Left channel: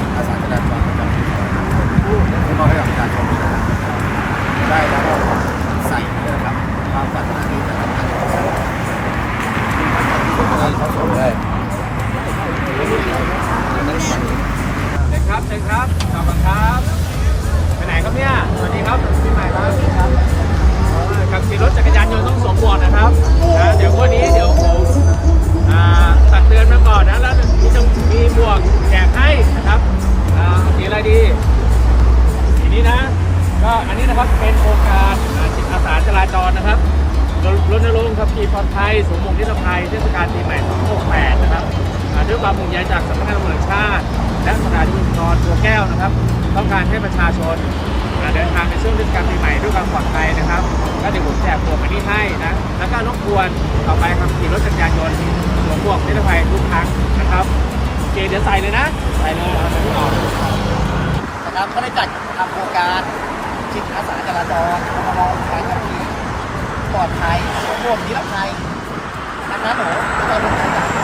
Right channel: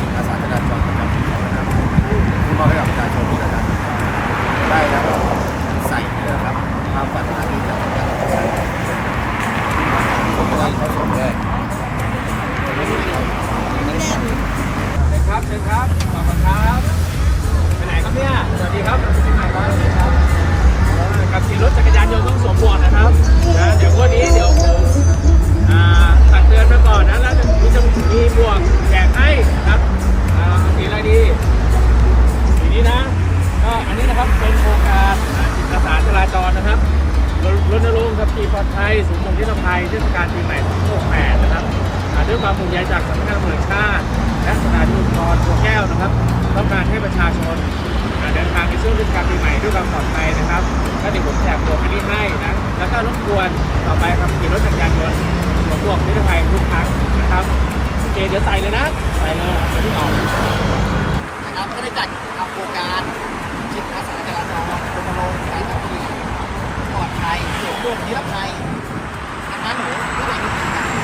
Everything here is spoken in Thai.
จิตอาสาจราจรประจำปี2565ที่มอบให้กับประชาชนที่เดินทางสัญจรได้แล้วก็ใส่นี่นะครับความปรารถนาที่จะทำงการศึกษาคนนะครับเขาสมเลยเชิญครับเชิญครับขอบคุณครับ นะครับ เป็นโครงการจิตอาสาจราจรนะครับรณรงค์ขับขี่ปลอดภัยสวมหมวกนิรภัยเทศกาลปีใหม่ 2568 นะครับด้วยความห่วงใยจากสำนักงานตำรวจแห่งชาติ และสถานีตำรวจตัวแก้วนะครับ ต้องการให้ประชาชนเดินทางในช่วงเทศกาลปีใหม่ด้วยความปลอดภัยนะครับก็เดี๋ยวผมแจกหมวกอันนี้ให้นะ แล้วก็รบกวนต่อไปครับขี่รถจักรยานยนต์สวมหมวกนิรภัยทุกครั้งนะครับโอเคเดี๋ยวใส่เลยนะใส่เลยเอามาที่อ่อนนะครับก็ได้จัดทำโครงการ จิตอาสาจราจรรณรงค์การคดีปลอดภัยสวมหมวกนิรภัยดังนั้นหนูทุกคน